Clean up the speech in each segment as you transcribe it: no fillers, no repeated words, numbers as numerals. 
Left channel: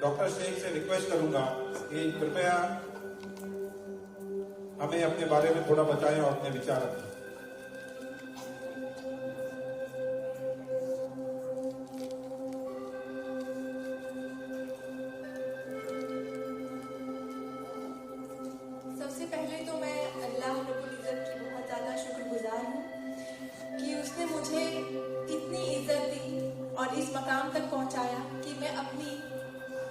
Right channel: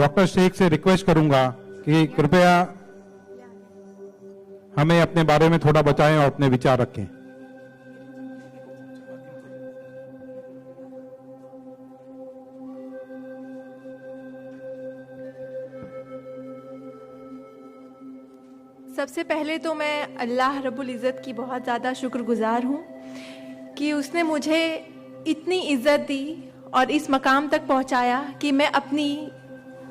Doctor Sheikh से request करूंगा कि कृपया हमें अपने बारे में थोड़ा बताएं और अपने विचार रखें। सबसे पहले तो मैं अल्लाह रब्बुल इज़्ज़त की बहुत ज़्यादा शुक्रगुजार हूँ कि उसने मुझे इतनी इज़्ज़त दी और इस मकाम तक पहुँचाया कि मैं अपनी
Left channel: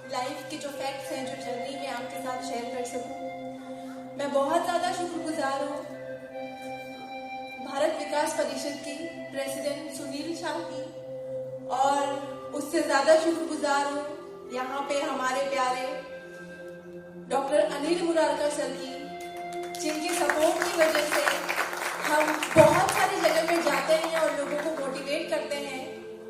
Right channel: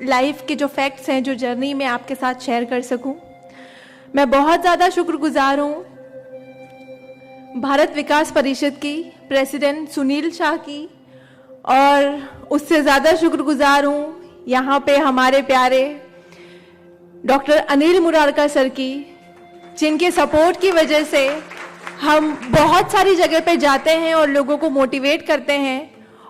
लाइफ के जो फैक्ट्स हैं, जो जर्नी में आपके साथ शेयर कर सकूं। मैं बहुत ज़्यादा शुक्रगुजार हूँ भारत विकास परिषद की प्रेसिडेंट सुनील शाह की, और उससे ज़्यादा शुक्रगुजार हूँ यहाँ पे हमारे प्यारे डॉक्टर अनिल मुरारका सर की, जिनके सपोर्ट की वजह से हम बहुत सारी जगह पे जाते हैं और लोगों को मोटिवेट करते हैं।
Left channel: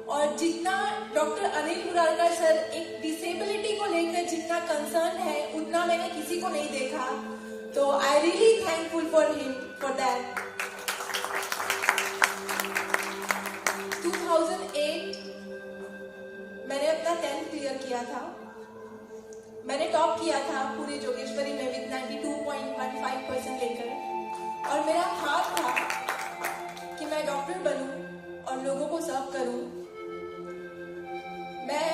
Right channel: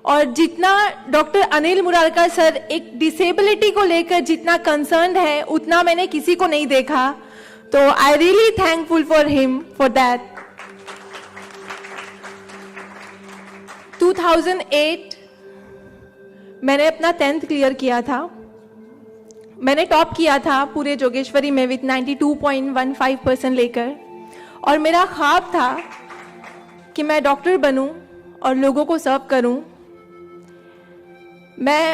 और जितना डॉक्टर अनिल मुरारका सर एक डिसेबिलिटी को लेकर जितना कंसर्न है, उतना मैंने किसी को नहीं देखा। तो I really thankful for him for that. 2008 मैंने अपना 10th क्लियर किया था। मैंने टॉप किया था पूरे जोगेश्वरी में विद 92.15% लेकर, और मेरा ख्वाब था कि मैं डॉक्टर बनूं और लोगों को सर्व करूं। मैं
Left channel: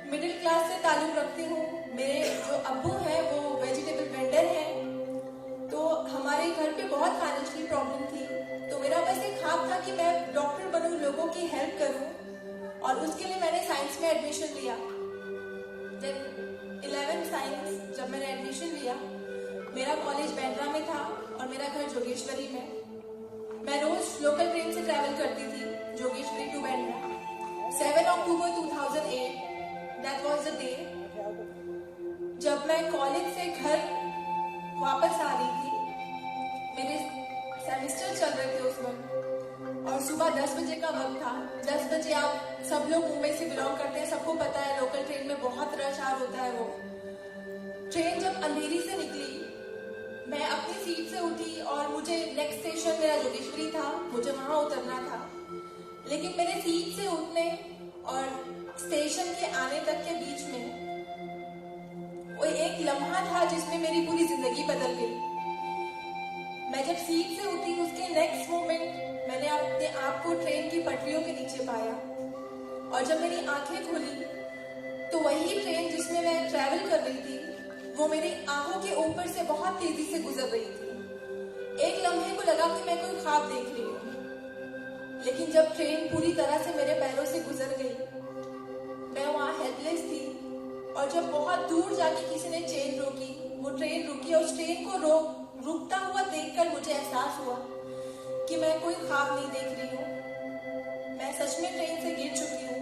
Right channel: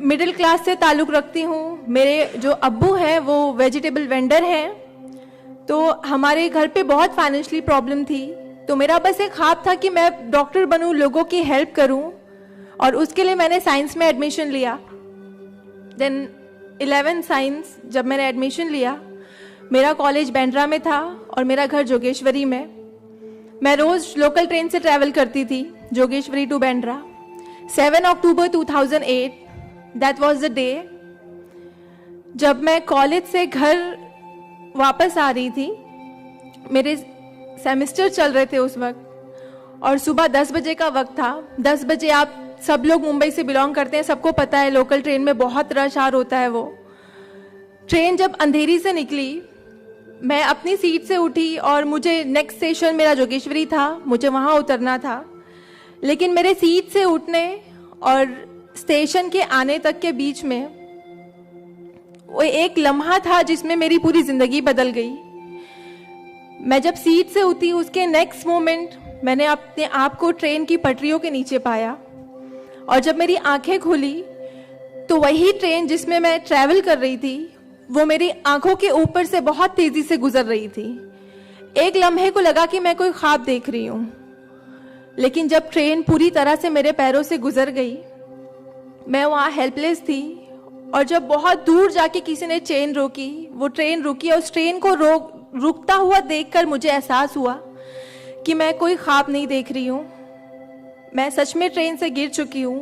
मिडिल क्लास से ताल्लुक़ रखती हूँ। मेरे जो अब्बू हैं वो वेजिटेबल वेंडर हैं, तो हमारे घर पे बहुत फाइनेंशियली प्रॉब्लम थी। तो मेरा बस एक ख्वाब था कि मैं डॉक्टर बनूं, लोगों की हेल्प करूं, और उसके लिए मैंने साइंस में एडमिशन लिया। देन 11 साइंस जब मैंने एडमिशन लिया, मेरा कॉलेज बांद्रा में था और मेरा घर जोगेश्वरी में। मैं रोज लोकल ट्रेन से ट्रैवल करती थी Jogeshwari to Bandra. 7 October 2008 that was the day जब मैं कॉलेज से घर वापस आ रही थी। मेरे सेमेस्टर चल रहे थे उस वक्त, और सुबह 10 बजे का वक्त था। 10 बजे, आप सब लोग मुंबई से बिलोंग करते हैं, सबको पता है लोकल ट्रेन में बहुत रश आर होता है। वो ट्रेन जब अंधेरी से निकली, मैं अपनी सीट से उठी और मुझे नेक्स्ट स्टेशन मेरा जोगेश्वरी था, मुझे वहां उतरना था। लेकिन मेरे सीट से उठने और स्टेशन के आने तक के बीच में वो एक लम्हा था जिसमें मेरी पूरी जिंदगी बदल गई। मैं जब सीट से उठी, उसके नेक्स्ट मोमेंट मैंने अपने आप को ट्रेन की पटरियों के नीचे पाया, और जब मेरी आंखें खुली तो वही ट्रेन जिसमें मैं ट्रैवल कर रही थी वो मेरी आंखों के ऊपर से बहुत तेजी से गुजर रही थी। एक लम्हे को लगा कि मैं कोई ख्वाब देख रही हूं, लेकिन जब ट्रेन पूरी तरह से मेरे पैरों से गुजर गई, मैं वहां हेल्पलेस थी। और जब बहुत दूर जाके किसी ने चेन रोकी, वो ट्रेन रुकी, और उस ट्रेन को रुकता हुआ देखकर मुझे एहसास हुआ कि मैं कोई ख्वाब नहीं देख रही हूं, मैं सच में ट्रेन से गिर चुकी हूं,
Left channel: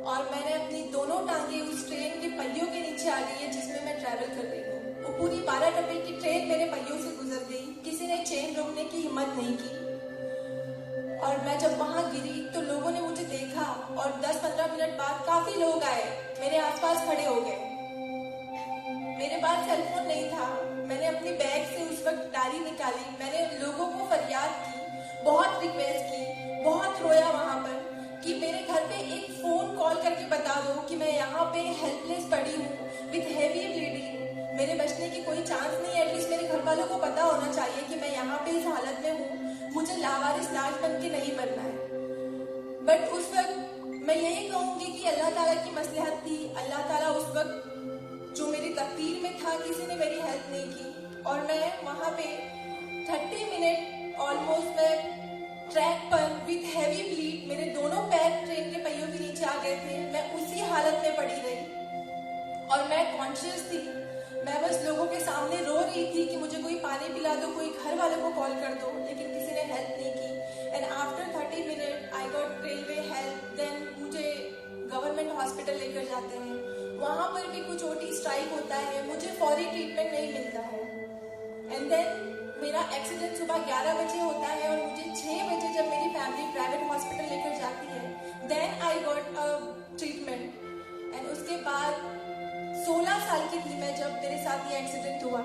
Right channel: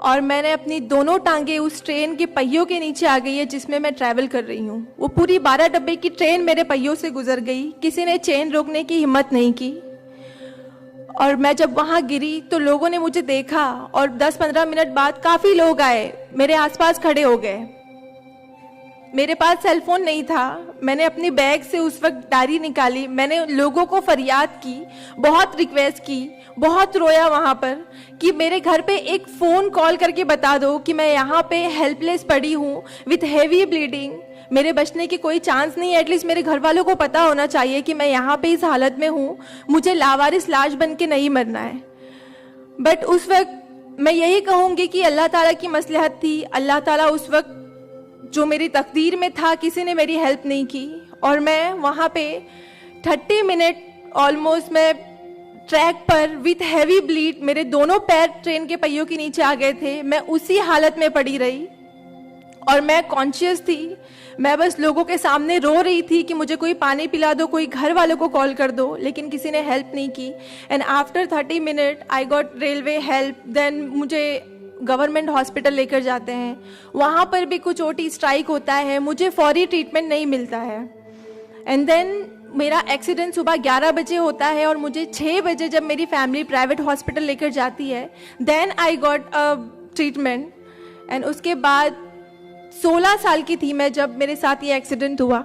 और मैंने अपनी दोनों टांगे उस ट्रेन के पहियों के नीचे आ गई है जिसमें मैं ट्रैवल कर रही हूँ। वो पूरी 12 डब्बे की ट्रेन मेरे पहियों से गुजर गई। किसी ने चेन रोकने की हिम्मत नहीं की। और मैं जब वहां गिरी तो लोगों ने मुझे देखा, और 10-15 मिनट बाद काफी लोग आए, मेरे आसपास खड़े हो गए। मेरे पास सेलफोन नहीं था। मैंने अपनी बैग से उस वक्त डायरी निकाली, मैंने लोगों को फरियाद की, बहुत रिक्वेस्ट की, बहुत रोया वहां पर कि मेरे घर पे एक फोन कॉल करके बता दो कि मैं यहाँ पे हेल्पलेस पड़ी हूँ विथ हेवी ब्लीडिंग, मेरे बचने की कोई चांस नहीं है। एटलीस्ट मेरे घर वालों को पता होना चाहिए कि मैं यहाँ पे इस हालत में हूँ, मुझे लावारिस लाश बन के नहीं मरना है। बट उस वक्त मैं यही कहूंगी कि अल्लाह ताला की मसलहत थी। अल्लाह ताला उस वक्त जो मेरी तकदीर में था, किसी ने मेरी हेल्प नहीं की, और मैं वहां पे 30 मिनट ऑलमोस्ट मैं ट्रैक पर विथ हैवी ब्लीड, मेरे दोनों पैर ट्रेन के पहियों के नीचे आ गए थे। मैं उसी हालत में पड़ी रही और मैं कॉन्शियस थी। मैं बस लोगों के सामने रो रही थी कि मुझे कोई पानी पिला दो, कोई घर वालों को कॉल कर दो, लेकिन किसी ने हेल्प नहीं की। And after 30 minute I got railway help. Then मुझे गवर्नमेंट हॉस्पिटल लेकर जाते हैं, वहां पर भी कुछ ओटी स्ट्राइक होता है, मुझे फौरी ट्रीटमेंट नहीं मिलता है। एंड देन मेरा एक्सीडेंट सुबह 11 बजे होता है और मुझे 6 बजे जब मेरी फैमिली प्राइवेट हॉस्पिटल लेकर जाती है, then I got a treatment. And उसके बाद 16 साल की थी मैं जब मेरे साथ ये एक्सीडेंट हुआ।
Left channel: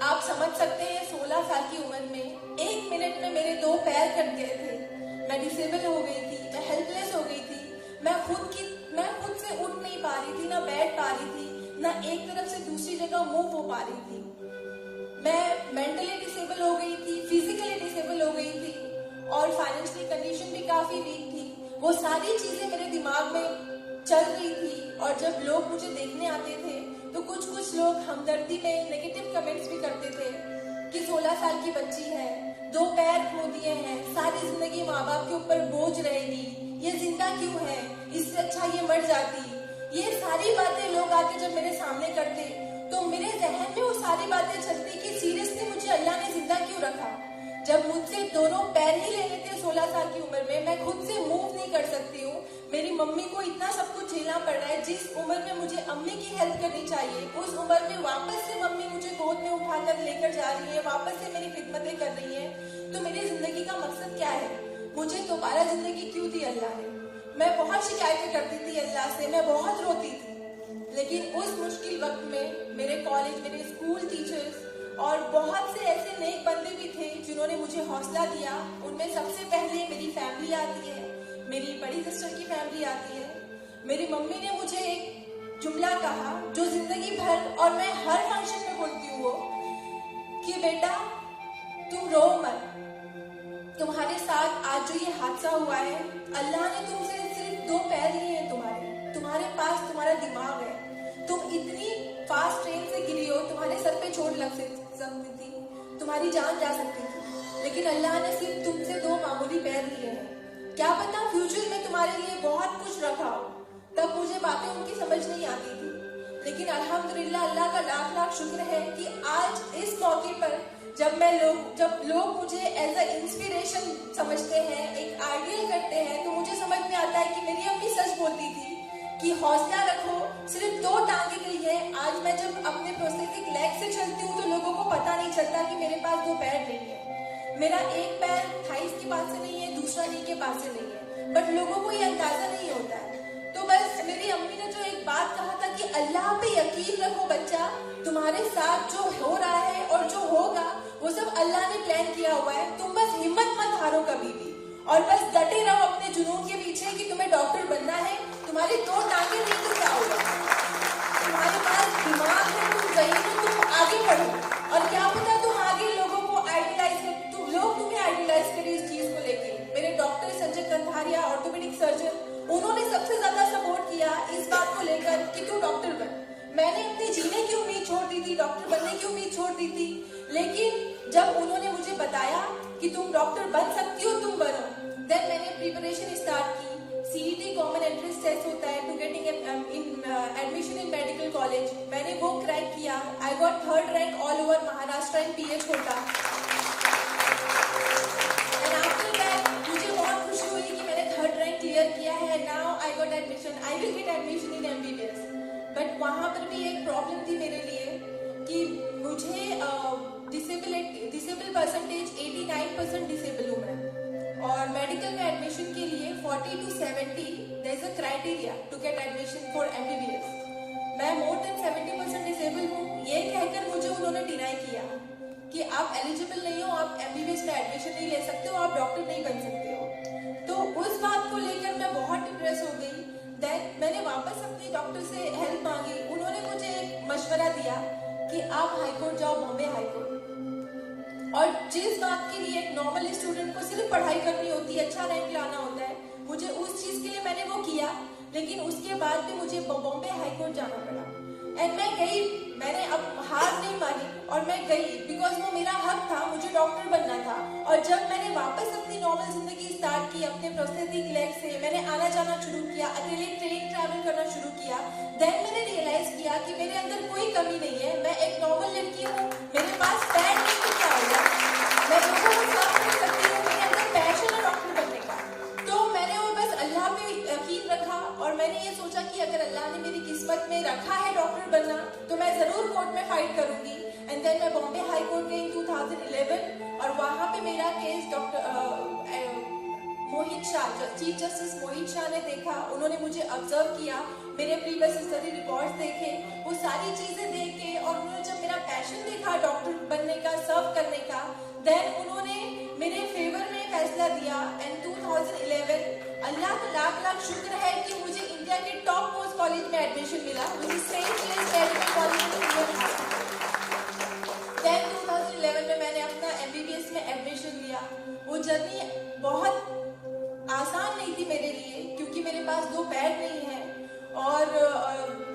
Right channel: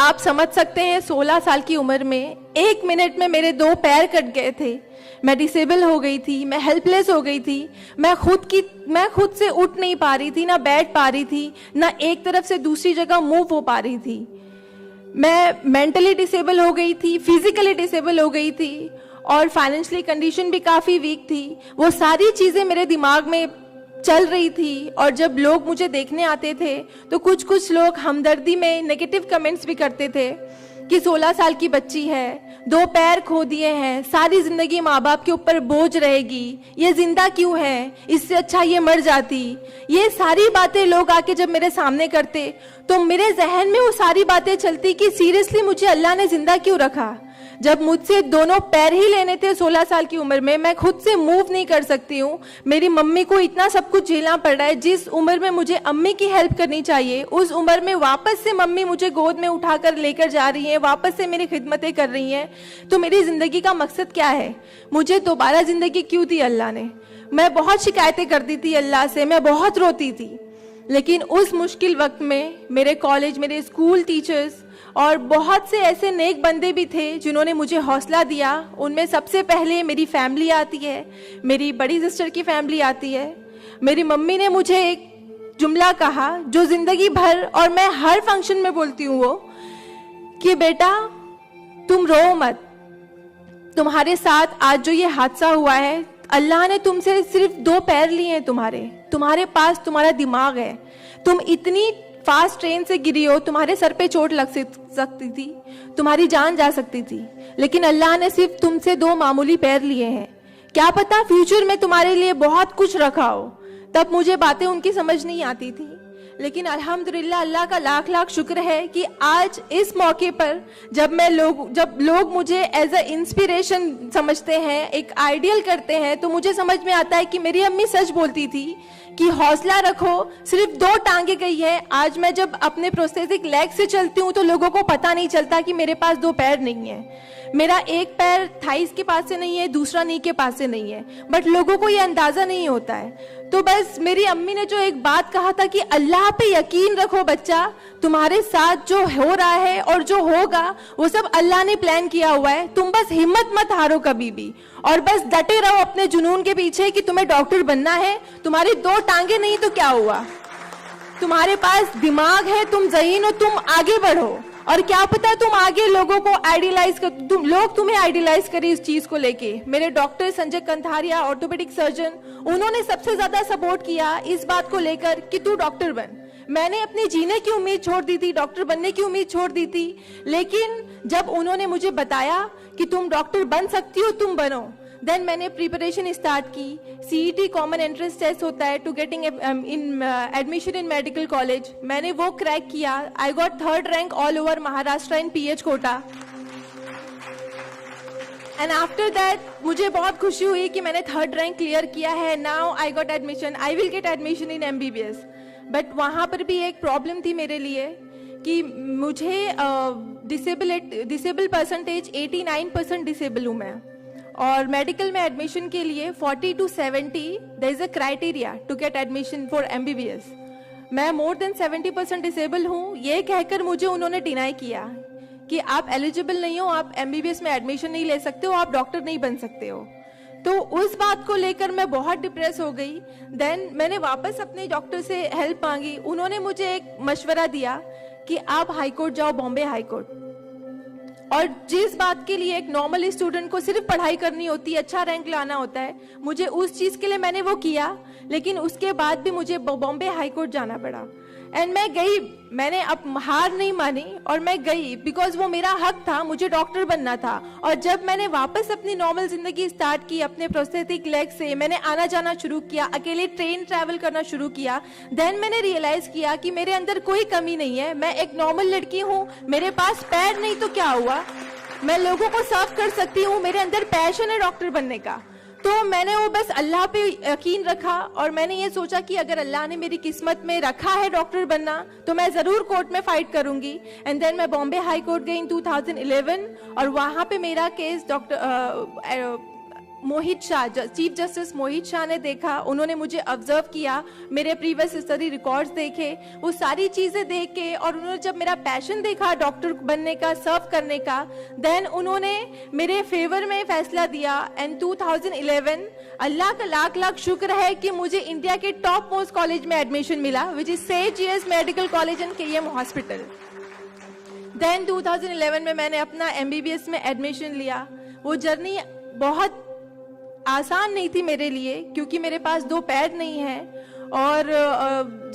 आप समझ सकते हैं 16 साल की उम्र में 1 मिनट में मेरे 2 पैर कट गए थे, मैं डिसेबल हो गई थी, मैं हेल्पलेस हो गई थी, मैं खुद से उठ नहीं पा रही थी, ना बैठ पा रही थी, ना एक तरफ से दूसरी जगह मूव हो पा रही थी। मैं मेंटली डिसेबल हो गई थी, फिजिकली डिसेबल हो गई थी और फाइनेंशियली कंडीशन भी काफी वीक थी। वो सारी चीजें मेरे दिमाग में चल रही थी और जब लोग मुझे देखने आते थे तो कुछ लोग हमदर्दी में नेगेटिव कमेंट्स भी करते थे कि 16 साल की बच्ची है, 2 पैर खो दिए हैं, सारी जिंदगी माँ बाप के ऊपर बोझ रहेगी, ये जिंदा क्यों है, इससे अच्छा ये मर जाती। ये सारी बातें लोग आके जब मेरे सामने करते तो मेरे जहन में वो सारी बातें चलती कि सीरियसली मुझे अल्लाह ने जिंदा क्यों रखा। जब मुझसे दोनों पैर ही लेने थे 16 साल की उम्र में, मैं खुद से मूव नहीं कर सकती हूँ, मेरी मम्मी को इतना सब कुछ झेलना पड़ रहा है। जिस उम्र में मुझे अम्मी की हेल्प करनी चाहिए उस उम्र में वापस से मम्मी मुझे गोद में उठाकर लेकर जा रही है, वापस से मेरी खिदमतें कर रही हैं। तो मेरी जिंदगी का मकसद क्या है? मुझे दोबारा जिंदगी क्यों दी अल्लाह ने? मैं बहुत शिकायतें करती थी अल्लाह से, मैं बहुत रोती थी, लेकिन उस मुश्किल वक्त में मेरे कॉलेज, मेरे स्कूल टीचर्स और बहुत से ऐसे नेक बंदे भी थे जिन्होंने मुझे हौसला दिया। उनमें सबसे पहले मेरी फैमिली आती है, मेरी बड़ी सिस्टर की फैमिली आती है। मेरी मम्मी ने मुझे एक जुमला कहा जो जिंदगी भर और मैं हर फंक्शन में बोलती हूँ, वो कि बेटा तुम रो मत, तुम्हारे साथ आज जो ये हादसा हुआ है, अल्लाह ने तुमसे सिर्फ 2 पैर लिए हैं, तुम्हारे पास तुम्हारा दिमाग है, तुम इतनी फास्ट ट्रेन से गिरी हो, तुम्हारे सर पे चोट लग सकती थी, तुम्हारी जान जा सकती थी, लेकिन अल्लाह ने सिर्फ तुमसे 2 मामूली पैर लिए हैं। क्या पता फ्यूचर में तुम्हारे लिए बहुत कुछ रखा हो। तब मुझे बातें उनकी समझ नहीं आती थी, लेकिन अल्हम्दुलिल्लाह अल्लाह का लाख लाख शुक्र है कि आज इस मौके पर जब लोग मुझे एज अ इंस्पिरेशन समझते हैं, एक आइडियल करते हैं, तो मुझे समझ में आता है कि मेरी अम्मी सच बोलती थी कि हौसला रखो, सिर्फ 2 टांगे गई है। आज मैं जब अपने प्रोस्थेटिक लेग से चलती हूँ तो लोगों को पता नहीं चलता कि मेरे पास 2 पैर नहीं है, मेरा एक पैर थाइस के पास से नहीं है, दूसरा नी के पास से नहीं है, बट लोगों को ये अंदाजा नहीं होता है। तो बस मेरी अम्मी ने जो एक बात कहा था कि अल्लाह पे यकीन रखो बच्चा, तुम्हारे साथ जो हो रहा है और जो होगा वो सब अल्लाह ने प्लान किया हुआ है, तुम बस हिम्मत मत हारो कभी भी, और बस डटे रहो अपने जुनून के पीछे कि तुम्हें डॉक्टर बनना है। तुम्हारी 2 टांगे नहीं तो क्या हुआ, तुम्हारे पास दिमाग है, तुम ज़हीन हो, तुम आगे बढ़ो। और क्या पता तुम आगे लोगों को लोग तुम्हें आइडियलाइज करें इस चीज को लेके। मेरे डॉक्टर संजय कंधारिया, ऑर्थोपेडिक सर्जन, उन्होंने सबसे ज्यादा सपोर्ट किया इस बात को लेकर कि तू डॉक्टर बन। मैंने अपने जीने की उम्मीद छोड़ दी थी, डॉक्टर बनने की उम्मीद छोड़ दी थी, लेकिन जब उन्होंने मुझे बताया कि तुम डॉक्टर बन सकती हो, तुम बनो, देन मैंने प्रिपरेशन स्टार्ट की। सीईटी कॉमन एंट्रेंस टेस्ट होता है to getting admission in medical college, मैंने वो क्रैक किया। I got 3rd rank all over Maharashtra in PH quota. And after that मुझे बहुत खुशी हुई कि मैंने 3rd रैंक क्लियर किया है। Now I got admission, I will get admission in MBBS. But वहां पर भी एक प्रॉब्लम थी मेरे लिए कि मुझे डिसेबल परसेंटेज 89% डिसेबल हूं मैं, और मेडिकल में एडमिशन के लिए 40 to 70 there is a criteria to get admission for MBBS. मैं मोर देन 70% डिसेबल हूँ, ये कहकर मुझे उन्होंने डिनाई किया कि आप एलिजिबल नहीं हो, आप एमबीबीएस में एडमिशन नहीं ले सकते हो, आप डॉक्टर नहीं बन सकते हो। तो उस बात को लेकर मैं बहुत डिप्रेस हो गई। देन मैंने वापस अपने डॉक्टर से हेल्प मांगी, उन्होंने मुझे एक मशवरा दिया कि आप हाई कोर्ट जाओ, बॉम्बे हाई कोर्ट। और जिस बात के लिए एक नॉर्मल स्टूडेंट को सिर्फ पढ़ाई करनी होती है, अच्छा रैंक लाना होता है, मुझे उस चीज के लिए मैंने वो किया, लेकिन उसके बाद भी मुझे बॉम्बे हाई कोर्ट जाना पड़ा। एंड मैं गई, मैंने अब हार नहीं मानी और मैं गई, बिकॉज वो मेरा हक था, मुझे डॉक्टर बनना था। और जब मैंने वापस अपनी नॉर्मल जिंदगी स्टार्ट की अपने प्रोस्थेटिक लेग से, मैंने आना जाना शुरू किया, अकेले ट्रेन ट्रैवल करना शुरू किया, देन मैंने रियलाइज किया कि मेरे अंदर कोई कमी नहीं है, मैं एक नॉर्मल लड़की हूँ, मेरे पास पैर नहीं तो क्या हुआ, मैं लोगों को सर्व कर सकती हूँ, मेरे अंदर पैशन है डॉक्टर बनने का। तो मैंने वो बस अल्लाह पे यकीन रखा और मैंने ये सोचा कि अगर अल्लाह ने मेरी किस्मत में रखा है डॉक्टर बनना तो मैं जरूर कोर्ट में फाइट करूंगी। एंड देन मैं बॉम्बे हाई कोर्ट गई इन 2011 और वहां पे मेरा केस मोहित शाह, चीफ जस्टिस मोहित शाह ने देखा, उन्होंने मुझे ऑब्जर्व किया, मेरे प्रीवियस स्टडी रिकॉर्ड्स देखे, वो सारी चीजें देख के, और उन्होंने जब मेरा पैशन देखा डॉक्टर बनने का, सर्व करने का, देन उन्होंने मेरे फेवर में फैसला दिया। एंड 2011 अल्लाह का लाख लाख शुक्र है कि मुझे इंडिया के टॉप मोस्ट कॉलेज में एडमिशन मिला, which is Seth GS Medical College and KM Hospital. Then 2011 में मैंने अपना एमबीबीएस में एडमिशन लिया। वो जर्नी बहुत आसान नहीं थी मेरे लिए, क्योंकि मेरे पास 2 पैर नहीं है। और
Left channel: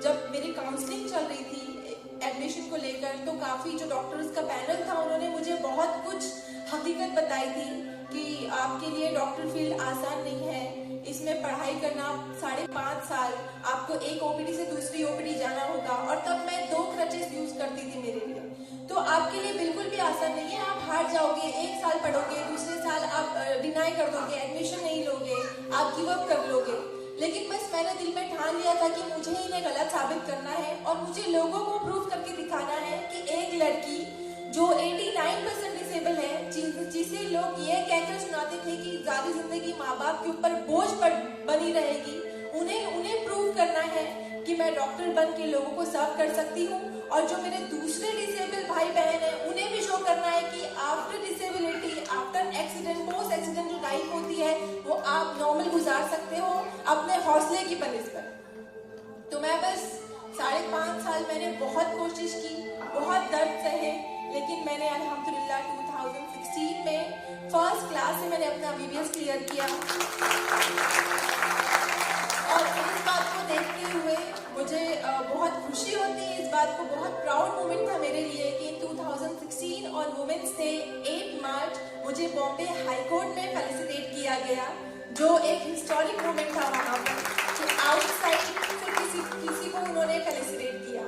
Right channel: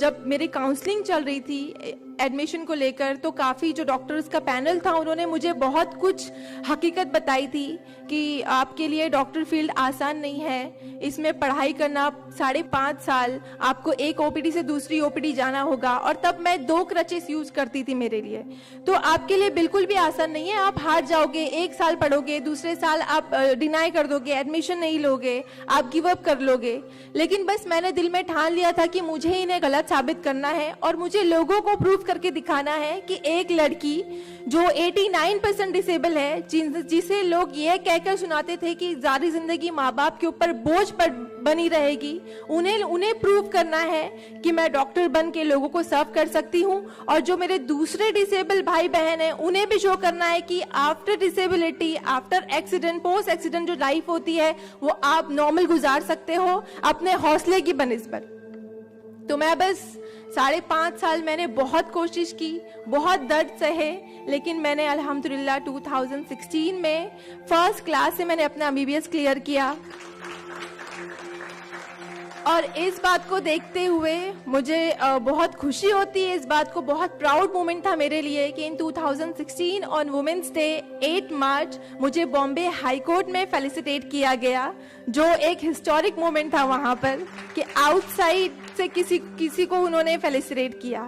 जब मेरी काउंसलिंग चल रही थी एडमिशन को लेकर, तो काफी जो डॉक्टर्स का पैनल था उन्होंने मुझे बहुत कुछ हकीकत बताई थी कि आपके लिए डॉक्टर फील्ड आसान नहीं है, इसमें पढ़ाई करना 5.5 साल, आपको एक ओपीडी से दूसरी ओपीडी जाना होगा। और तब मैं 2 क्रचेस यूज करती थी मेरे लिए, तो आपके लिए बिल्कुल भी आसान नहीं है। आप हार जाओगे, 1 साल पढ़ोगे, दूसरे साल आप डिनाई कर दोगे, एडमिशन नहीं लोगे, आप गिव अप कर लोगे। लेकिन बस मैंने दिल में ठान लिया था कि मुझे इन्हें गलत साबित करना है और मुझे लोगों को प्रूव करके दिखाना है कि एक लड़की जो 89% डिसेबल है, जिसे लोग ये कहकर सुनाते थे कि सारी जिंदगी माँ बाप के ऊपर बोझ पर बनी रहेगी, उन्हें प्रूव करना है कि मैं डॉक्टर बन के लोगों को सर्व कर सकती हूँ। और जो मेरे दूसरे डिसेबल भाई बहन हैं, उन्हें भी शो करना है कि after disability, after accident, post accident जो लाइफ होती है वो आप नॉर्मल गुजार सकते हो अपने हौसले की बनिस्बत। तो मैं बस 5.5 साल मैंने बहुत कोशिश की, बहुत दर्द सहे, लेकिन मैंने अल्हम्दुलिल्लाह 2016 में फर्स्ट क्लास से मैंने अपना एमबीबीएस क्लियर किया। और इस बात को देखते हुए मुझे बहुत खुशी होती है, इस बात को बहुत प्राउड मोमेंट था मेरे लिए कि इन 2016 ऑन वुमेन्स डे 8 मार्च मुझे बॉम्बे हाई कोर्ट में फेलिसिटेट किया गया, जो एक हिस्टोरिक मोमेंट था वहां पर कि आउटसाइड से किसी को उन्होंने फेलिसिटेट किया।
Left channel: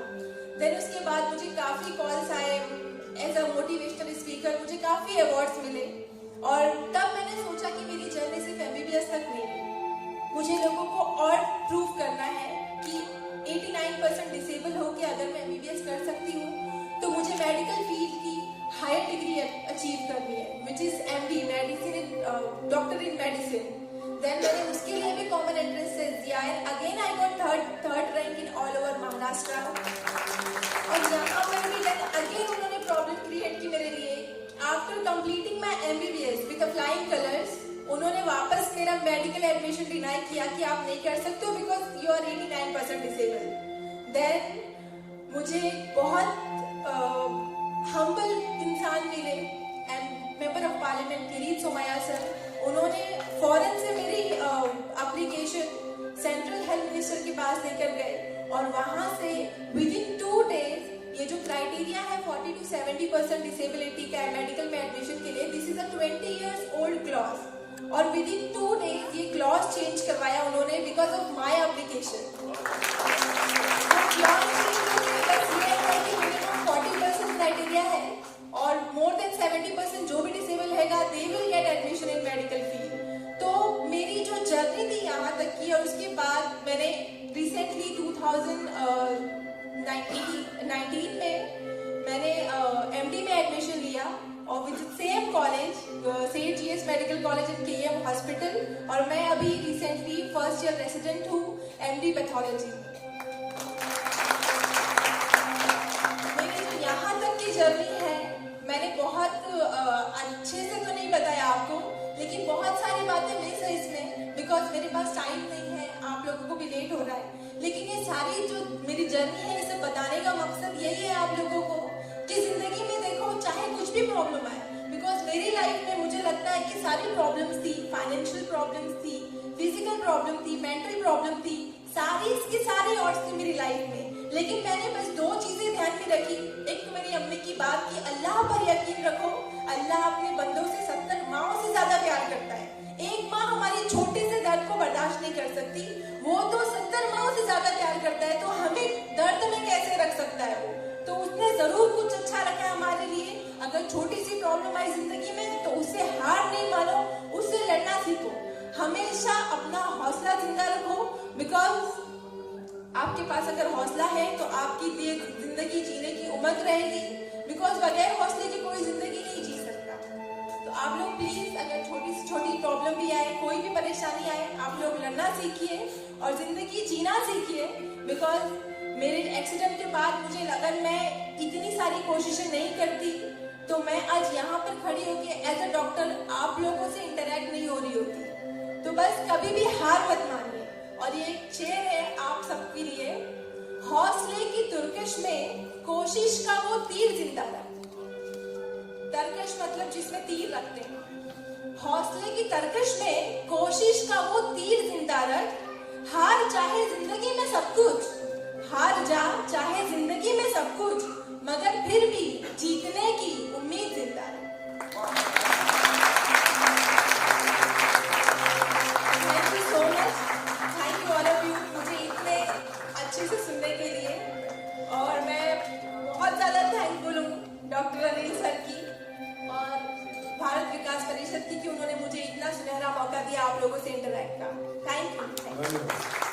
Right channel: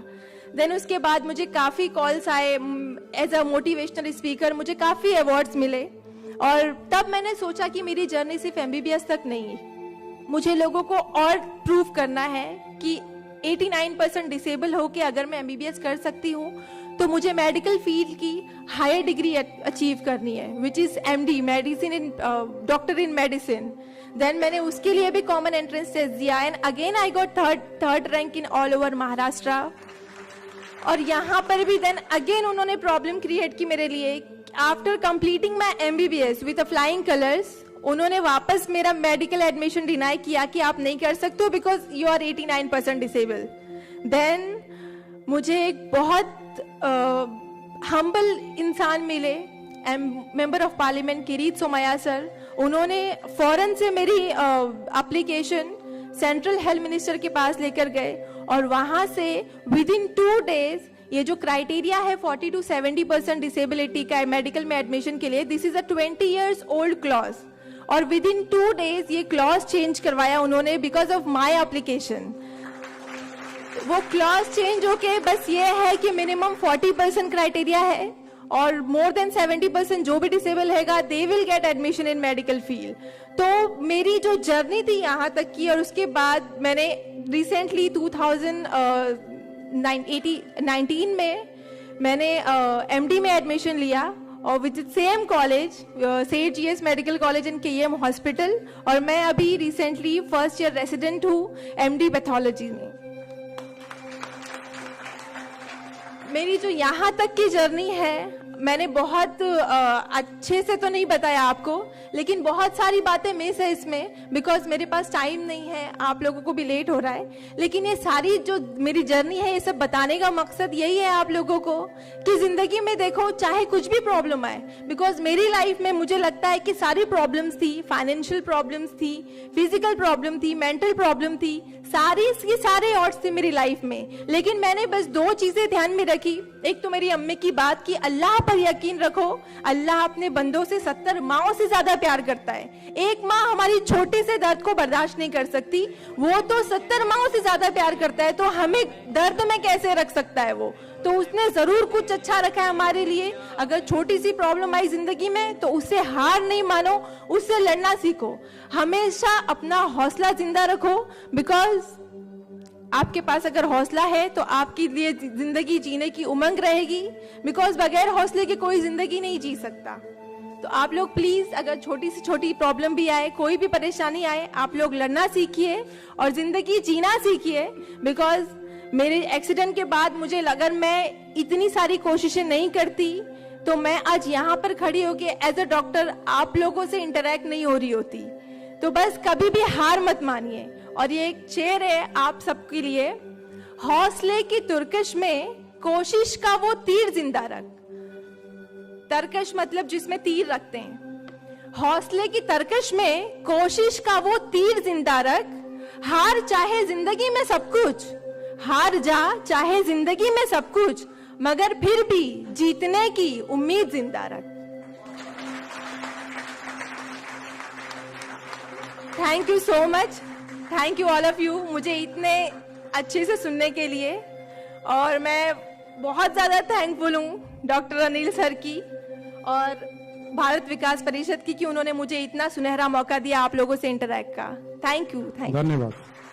देन उसके बाद मुझे काफी कॉल्स आए एज अ मोटिवेशनल स्पीकर, मुझे काफी अवार्ड्स मिले। और तब मैंने सोचा कि मेरी जर्नी सिर्फ एमबीबीएस तक नहीं, मुझे लोगों को और प्रूव करना है कि 89% डिसेबल होके अगर मैं एमबीबीएस कर सकती हूँ तो मुझे मेडिकल फील्ड की हायर डिग्री अचीव करनी है, which is MD, medicine in doctor in medicine. Then मैंने उसके लिए भी कॉमन एंट्रेंस टेस्ट दिया and again I got third rank in all over Maharashtra. और यहाँ पर भी देन अगेन उन्होंने प्रॉब्लम क्रिएट की मेरे लिए। After completing my MBBS with flying colours, उन्होंने वापस मेरा मेडिकल एडमिशन डिनाई किया कि आप नहीं कर सकते हो because you are 89% disable. Then मुझे एक बहुत हम्बल इंसान मिले, member of parliament Kirit Somaiya sir. उन्होंने फौरन से मेरी एप्लीकेशन सेंट्रल हेल्थ मिनिस्टर के पास लेकर गए और वहां से विद इन 2 डेज ये जो क्राइटेरिया है 40 to 70% डिसेबिलिटी का मेडिकल में एडमिशन के लिए, this is a 20 years old clause, और विद इन 2 डेज ये क्लॉज चेंज करवाया उन्होंने बिकॉज ऑफ माई एप्लीकेशन। वो क्लॉज चेंज होके बस ये है कि मिनिमम 40% क्राइटेरिया है और मोर देन 70% जो भी डिसेबल हैगा they will get admission in medical field. तो मेरी जो जर्नी थी यहाँ तक की, और उसके बाद मैंने रिसेंटली 2019 में मैंने एमडी में एडमिशन लिया और with same college Seth GS Medical College and KM Hospital, और मैं अभी रिसेंटली फर्स्ट ईयर रेसिडेंट हूँ एमडी पैथोलॉजी में। मेरी जो यहाँ तक की जर्नी है मैंने बहुत अच्छे से तो नहीं बताया आपको, लेकिन बहुत सारी बातें मिस है इसमें बिकॉज मेरे पास टाइम नहीं है, आप लोगों को भी लेट हो रहा है। लेकिन ये सारी जो मेरी जर्नी है ये सब बताने का मकसद यही है आप लोगों को कि जिंदगी में देखो चाहे कुछ भी प्रॉब्लम आए, बिकॉज मेरी लाइफ में मुझे लगता है कि सारी प्रॉब्लम्स थी, फाइनेंशियल प्रॉब्लम्स थी, फिजिकल प्रॉब्लम थी, मेंटल प्रॉब्लम थी, सारे ऑड्स थे मेरी लाइफ में। लेकिन मैंने बस 2 चीजें ध्यान में रखी। एक तो मेरी अम्मी की बात कि अल्लाह पर यकीन रखो, अल्लाह अपने बंदों से 70 माओं से ज्यादा प्यार करता है। एक माँ हमारी छोटे से दर्द को बर्दाश्त नहीं कर सकती, वो तो 70 माओं से ज्यादा प्यार करता है, तो हमें दर्द में कैसे रख सकता है वो? तो उसने जरूर कुछ अच्छा रखा है हमारे लिए। अगर छोटी सी प्रॉब्लम आई जिंदगी में तो उससे हार नहीं मानो, उससे लड़ना सीखो, हमेशा अपना हौसला जिंदा रखो, बिकॉज आपके पास अगर हौसला है तो आपकी लिए जिंदगी जीने की उमंग रहेगी, बिकॉज बगैर हौसले के कोई जिंदगी नहीं जी सकता। तो आप लोग प्लीज, अगर छोटी से छोटी प्रॉब्लम भी आए, कोई भी परेशानी आए, आप लोग लड़ना सीखिए और जिंदगी जीना सीखिए। बिकॉज मेरे एक्सीडेंट के बाद मुझे लगा मैं इतनी सारी कोशिशें नहीं करती तो मैं आज यहाँ पर खड़ी होके एज अ डॉक्टर आप लोगों से इंटरेक्ट नहीं हो रही होती। तो बस कभी भी हार मत मानिए। और ये एक शेर है आप सबके लिए, हौसले की तुर्कश में कोशिश का वो तीर जिंदा रख। तरकश मतलब जिसमें तीर रखते हैं। हौसले की तरकश में कोशिश का वो तीर जिंदा रख। हार चाहे जिंदगी में सब कुछ, हार जा चाहे जिंदगी में सब कुछ, मगर फिर भी जीतने की उम्मीद जिंदा रख। Thank you so much, thank you all of you, मुझे इतने अच्छे से सुनने के लिए। और मैं बहुत ज्यादा थैंकफुल हूँ डॉक्टर अनिल सर की और भारत विकास परिषद की कि उन्होंने मुझे इतना सुनहरा मौका दिया आप लोगों से इंटरैक्ट का। Thank you. धन्यवाद।